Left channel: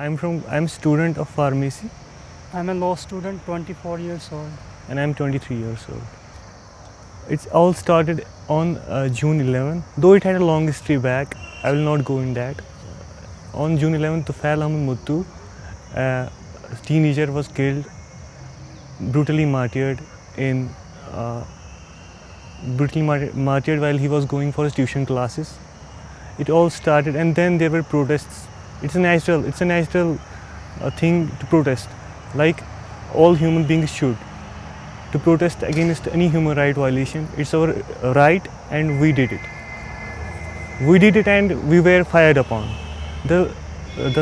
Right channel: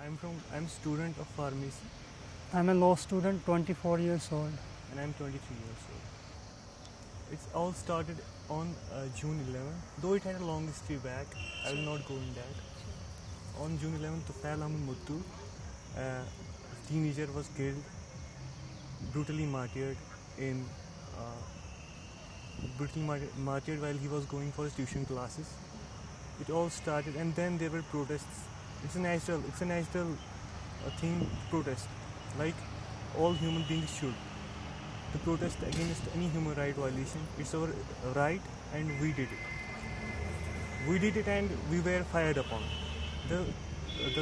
I'm student of pharmacy. I'm a law student, 24 years old. And I'm 23 years old. It's all started on June 11. Though it had a long history back, I will not go in that. On June 11th, Tufail Ahmed Muttu, a teenager, was killed, brutally martyred while he was going for his tuition classes. It all started, and then there were protests. It's a natural thing to protest, like all human beings should. To protest against any human right violation, it's our right, and we did it. We did it, and we were fired upon. The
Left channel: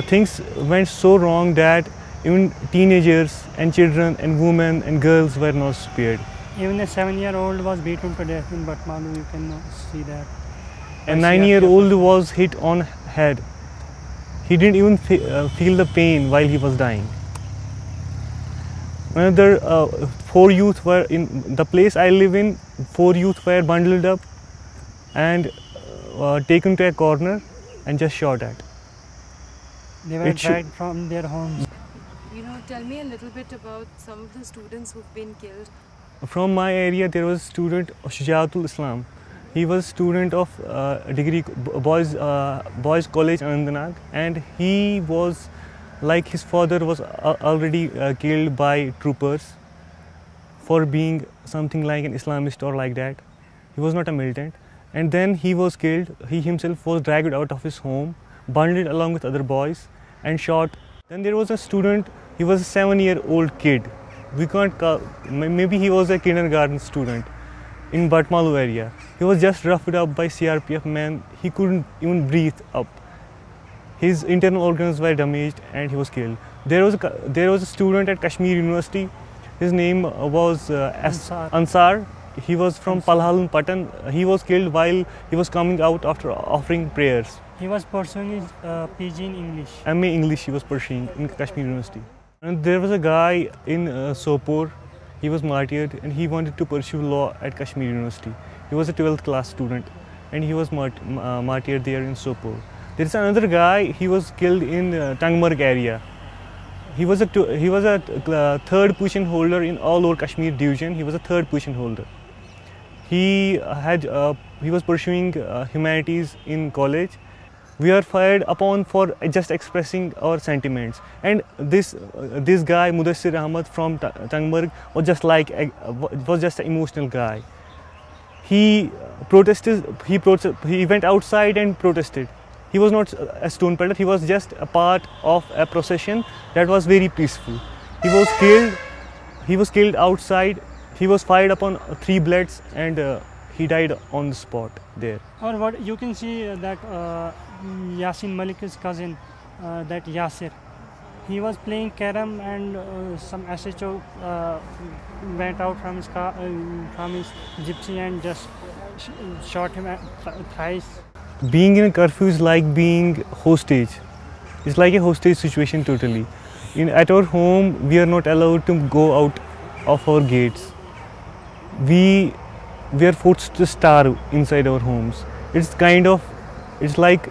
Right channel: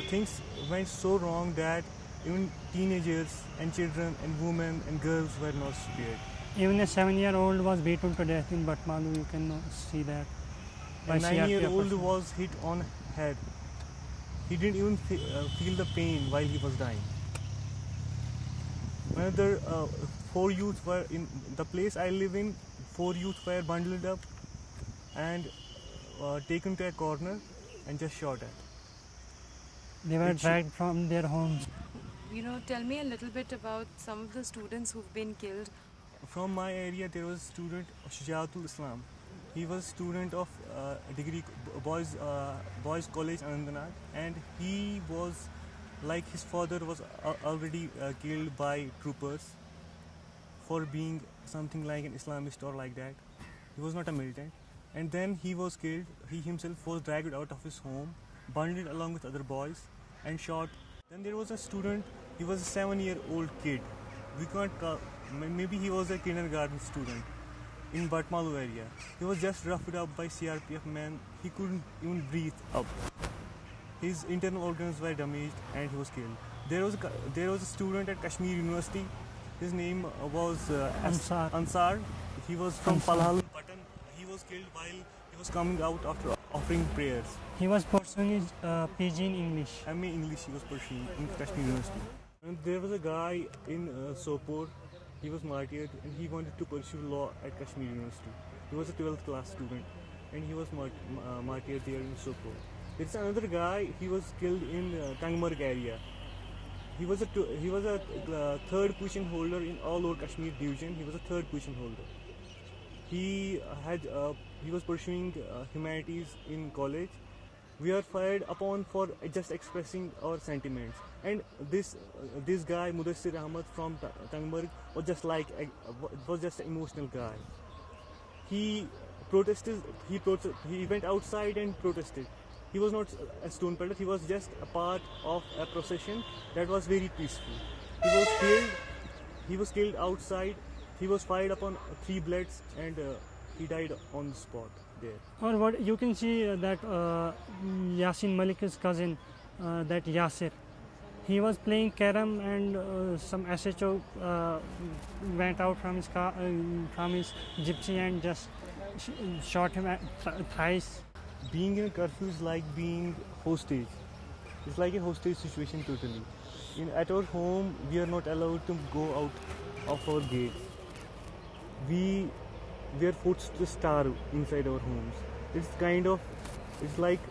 things went so wrong that even teenagers and children and women and girls were not spared. Even a 7-year-old was beaten to death in Batmalu, you can see that. A 9-year-old was hit on head. He didn't even feel the pain while he was dying. Another 4 youth were in the place I live in. 4 youth were bundled up and taken to a corner and just shot at. They were dragged from their homes. Tell me a little bit about some of the students who've been killed. From my area, there was a student, Shujaatul Islam. He was a student of degree boys college Anandnag, and he was, like his father, was already killed by troopers for being something like an Islamist or like that. He was not a militant, and then he was killed. He himself was dragged out of his home, bundled along with other boys, and shot. Then there was a student. He was a 7-year-old kid. We can't call, maybe he was a kindergarten student in Batmalu area. He was just roughed up by CRPF men. He couldn't even breathe up. His internal organs were damaged and he was killed. There was a student at Kashmir University. His name was Ansar. He was from Palhalun Patan. He was killed while he was coming out after offering prayers. He was pursuing his PG in English. MA English he was pursuing in Kashmir University. And there was a guy in Sopore. He was martyred and he wanted to pursue law at Kashmir University. He was a 12th class student and he was martyred there in Sopore. There is another guy. He was killed in Tangmarg area. He was a third position holder in all over Kashmir division. He was a third position holder. He was pursuing humanities in college. We are fired upon for just expressing our sentiments. And this guy Mudassir Ahmad from Tangmarg was just an emotional guy. He protested. He went outside and protested. He was not a stone pelter. He was just a part of a procession that was very peaceful. He was killed. He was killed outside. He was fired upon 3 bullets and he died on the spot there. Or what you can see that Yasin Malik's cousin, that Yasir, he was playing carom and some SHO went out from his car, from his gypsy and just shot him thrice. Being in a curfew is like being hostage. It's like a hostage situation totally. At our home, we are not allowed to go out of our gates. We are forced to starve inside our homes. It's like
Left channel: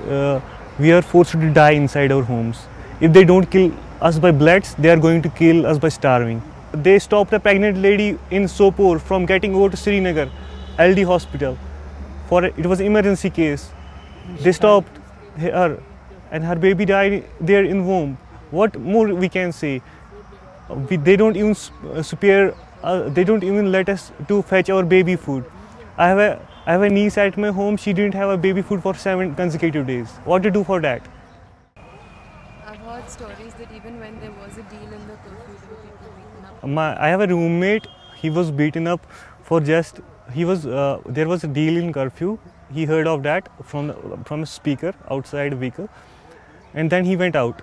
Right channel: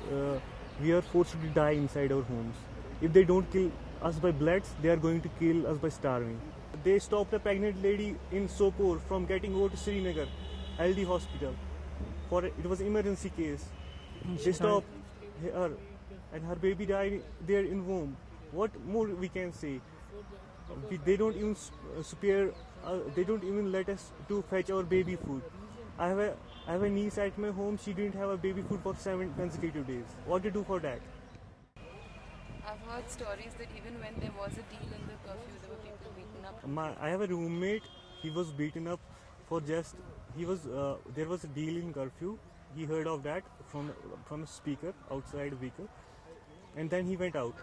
we are forced to die inside our homes. If they don't kill us by bullets, they are going to kill us by starving. They stopped a pregnant lady in Sopore from getting over to Srinagar LD hospital. It was an emergency case. They stopped her and her baby died there in womb. What more we can say? They don't even spare. They don't even let us to fetch our baby food. I have a niece at my home. She didn't have a baby food for 7 consecutive days. What to do for that? I've heard stories that even when there was a deal in the curfew, there were people beaten up. I have a roommate. He was beaten up for just. There was a deal in curfew. He heard of that from a speaker outside a vehicle, and then he went out.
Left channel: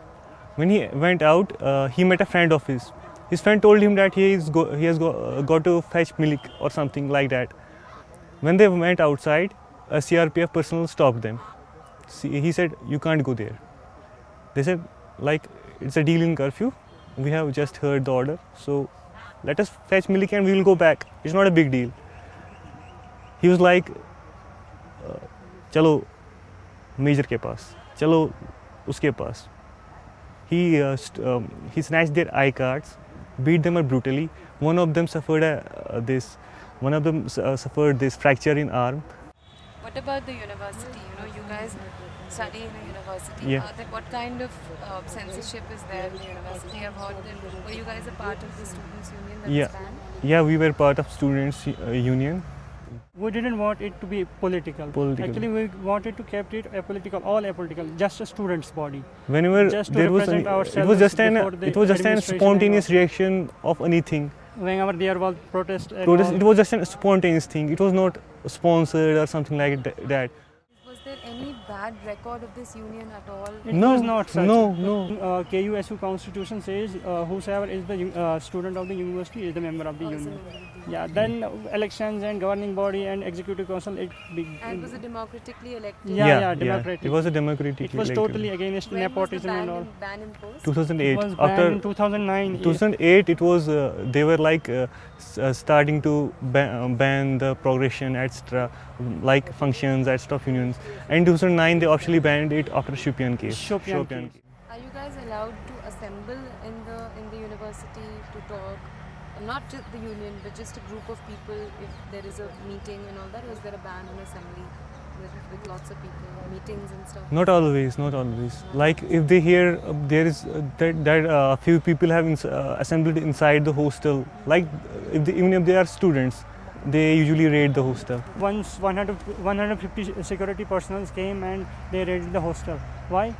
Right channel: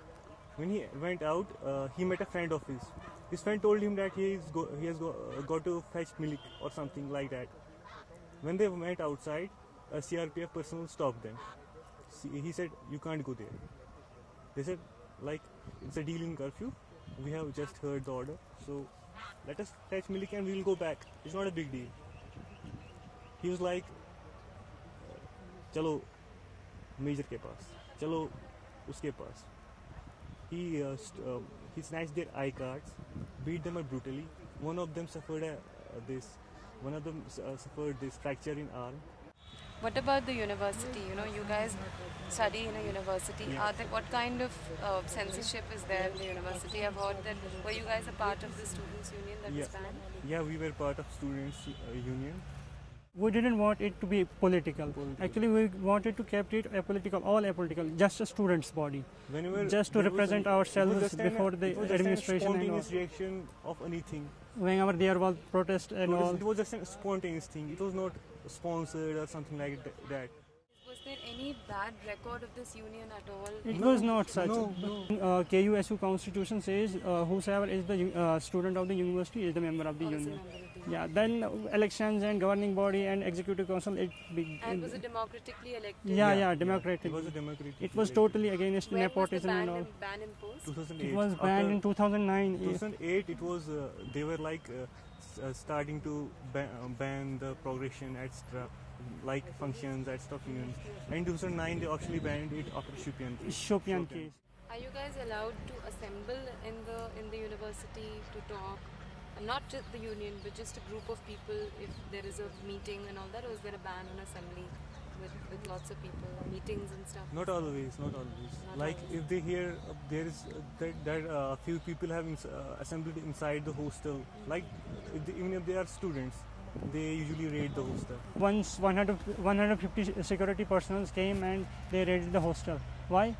When he went out, he met a friend of his. His friend told him that he has got to fetch milk or something like that. When they went outside, a CRPF personnel stopped them. He said, "You can't go there." They said, "Like, it's a deal in curfew. We have just heard the order, so let us fetch milk and we will go back. It's not a big deal." He was like, "Chalo, major ke paas. Chalo, uske paas." he snatched their I cards, beat them up brutally. One of them suffered this fracture in arm. What about the university? You know, you guys study in a university. Yeah. What kind of censorship is there in the university? I've heard that. Were you guys a part of the students' union that Yeah. was banned? Yeah, we were part of students' union. We didn't want it to be political. Actually, we wanted to keep it apolitical, all apolitical, just a student's body. Whenever Just to there was represent ourselves it was just before the an administration spontaneous and reaction of anything. whenever there was protest. And Protest, all. it was just a spontaneous thing. It was not sponsored or something like that. Was there any bad record of this union at all? It No, was not such. no. KUSU constitution says whosoever is the student of the university is the member of the Also union. member of the union. Yeah, then elections and governing body and executive council. And was it democratically elected? Yeah, democratic. It was a democratic. It was totally against When was the nepotism and all. ban imposed? 2008. It was After banned in 2009. 2008, it was they were like starting to ban the progression, etc., like functions, etc. of unions. And 2009, they officially banned it after Shopian case. Shopian case. Are you guys allowed to assemble in the university to talk? Not just the union, but just a group of people if there is a meeting and all that, or is there a ban on assembly with lots of people, meetings and stuff? Not always, not always. Like if they hear there is that few people have assembled inside the hostel, like even if they are students, they usually raid the hostel. Once 150 security personnel came and they raided the hostel. Why?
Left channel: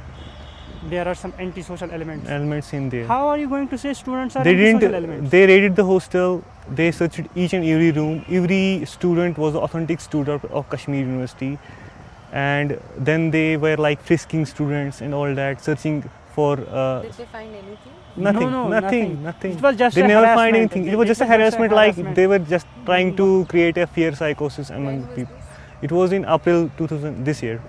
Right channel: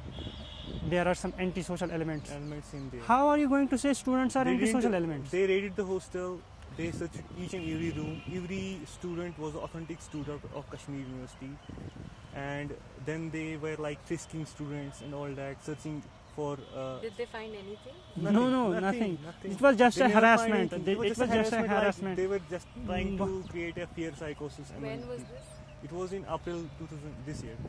There are some antisocial elements. Elements in there. How are you going to say students are They antisocial elements? They raided the hostel. They searched each and every room. Every student was an authentic student of Kashmir University, and then they were like frisking students and all that, searching for. Did they find anything? Nothing, No, nothing. It was just They a never harassment. find anything. It was just a harassment. Like they were just trying to create a fear psychosis among When was people. this? It was in April 2000 this year.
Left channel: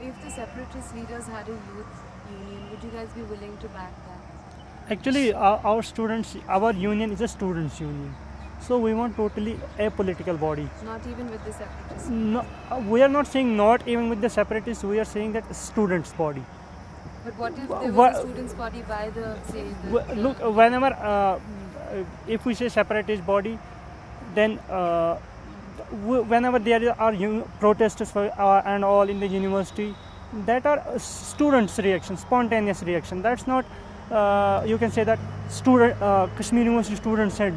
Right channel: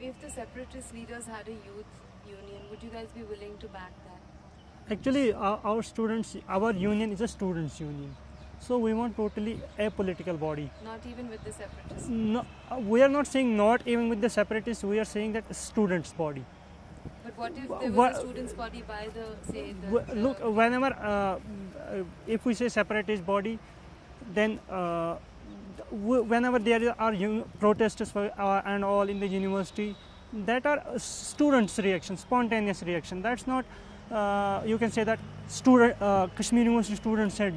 If the separatist leaders had a youth union, would you guys be willing to back that? Actually, our union is a students' union. So we want totally a political body. Not even with the separatists? No, we are not saying not even with the separatists. We are saying that students' body. But what if there was a students' body by the, say, Look, whenever if we say separatist body, then whenever there are protests and all in the university, that are students' reaction, spontaneous reaction. That's not. You can say that Kashmir University students had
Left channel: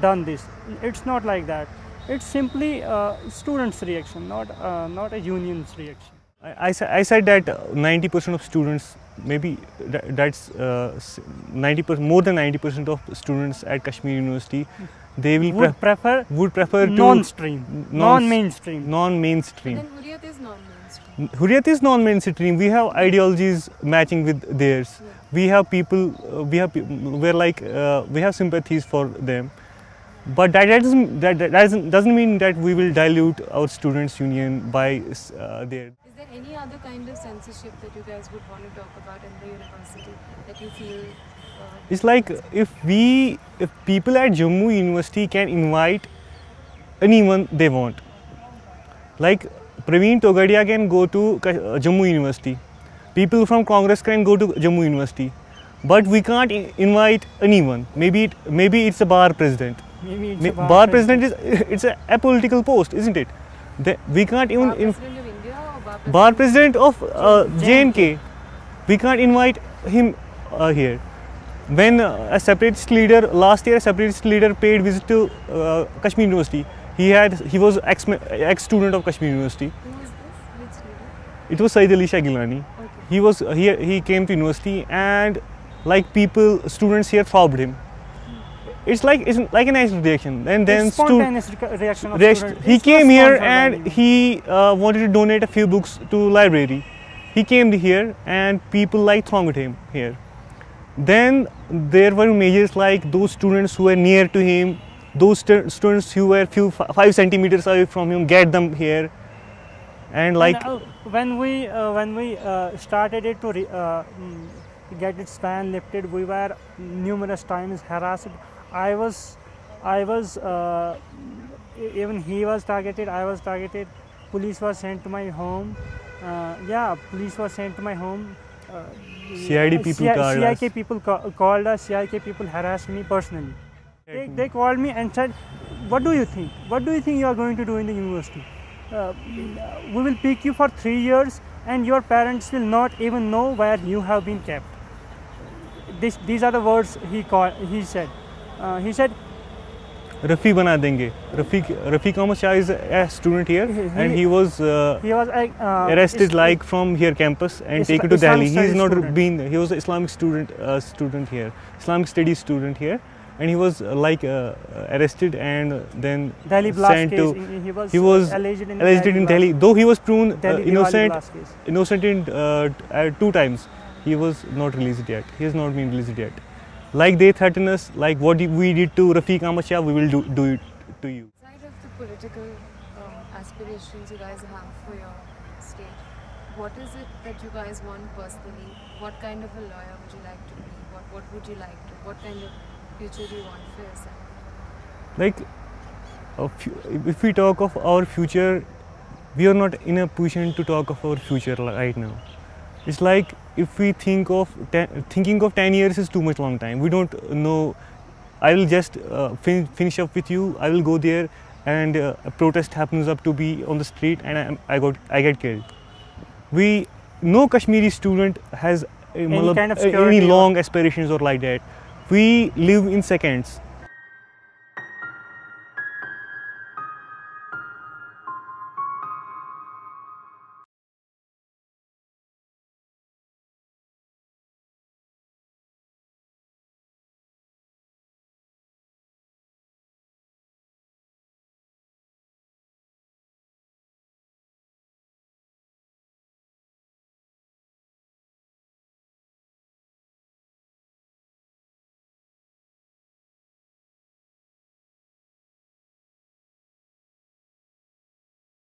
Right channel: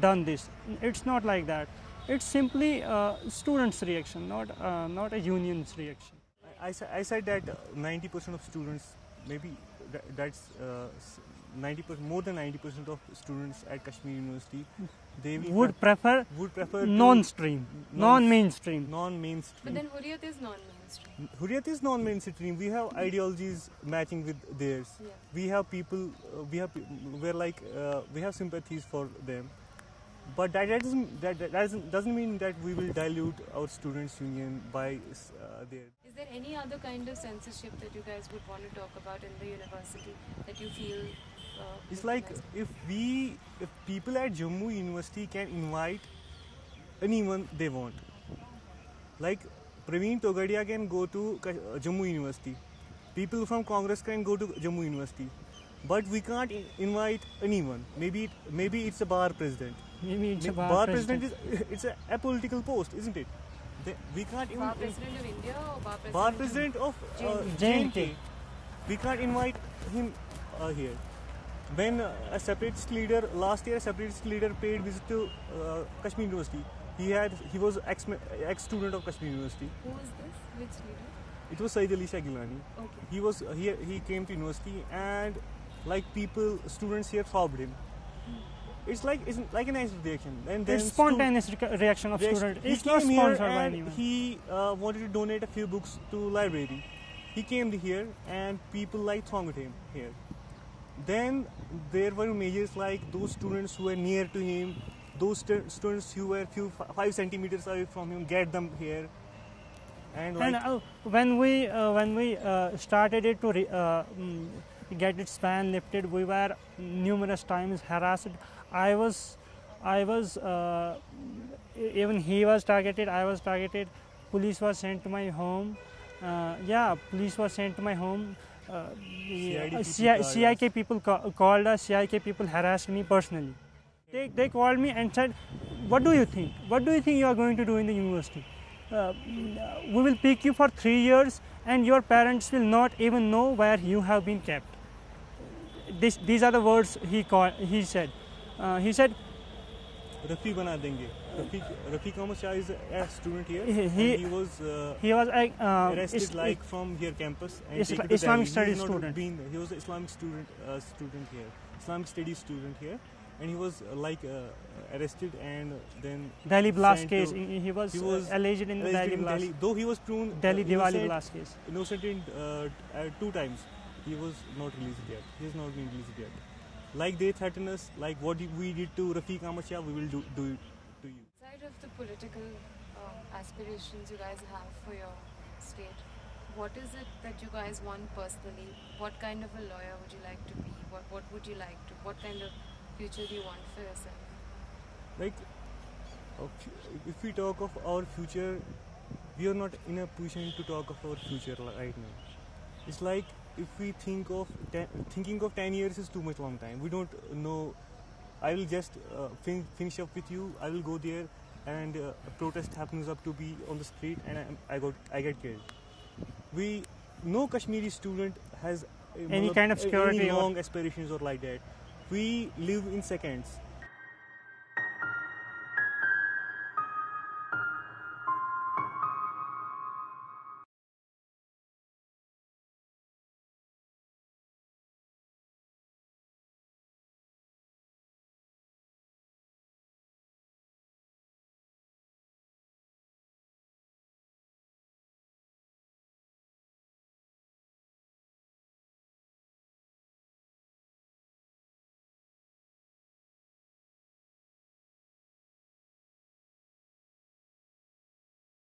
done this. It's not like that. It's simply students' reaction, not a union's reaction. I said that 90% of students, maybe that's 90%, more than 90% of students at Kashmir University, they would prefer to non-mainstream. But then Hurriyat is non-mainstream. Hurriyat is non-mainstream. We have ideologies matching with theirs. Yeah. We have people. We have sympathies for them. But that doesn't mean that we will dilute our students' union by there. Is there any other kind of censorship that you guys would want to talk about in the university that you feel? It's like if people at Jammu University can invite anyone they want. Like Praveen Togadia can go to Jammu University. People from Congress can go to Jammu University. But we can't invite anyone. Maybe it's a bar president. Maybe it's a bar president it's a apolitical post, isn't it? We can't even Bar president of India or bar president of J&K. We can't invite him here. When a separatist leader last year, a separatist leader paid visit to Kashmir University. He was ex-student of Kashmir University. Who is this? Which leader? It was Saeed Ali Shah Gilani. Okay. He came to university and like students here robbed him. It's like a nice reaction. And then spontaneous reaction of students. He came here and he wanted to donate a few books to library. He came here and people like thronged him here. Then there were measures like those students who were near to him, those students who were 5 centimeters away from him, get them here. And like when we started it to get its ban lifted, we were numerous times harassed. I was even he was targeted. I was targeted. Police was sent to my home. Police was sent to my home. CID people called CIK us. people called us. CIK people harassed me personally. They called me and said, "What do you think? What do you think you are going to do in the university? We will pick you for 3 years, and your parents will not even know where you have been kept." These are the words he said. He said, Rafi bana denge. Rafi Ahmad Shah is a student here, and he was arrested like from here campus and taken to Delhi. He is not been. He was an Islamic student here, Islamic studies student here, and he was arrested and then Delhi blast sent case. to. He was alleged in Delhi, though he was proven innocent in 2 times. He was not released yet. He has not been released yet. Like they threaten us, like what we did to Rafiq Ahmad Shah, we will do it to you. Aside of the political aspirations you guys have for your state, what is it that you guys want personally? What kind of a lawyer would you like to be? What would you like to? What kind of future do you want for yourself? Like, if we talk of our future, we are not in a position to talk of our future right now. It's like if we thinking of 10 years is too much long time. We don't know. I will just finish up with you. I will go there, and a protest happens up to be on the street, and I get killed. No Kashmiri student has any long aspirations or like that. We live in seconds.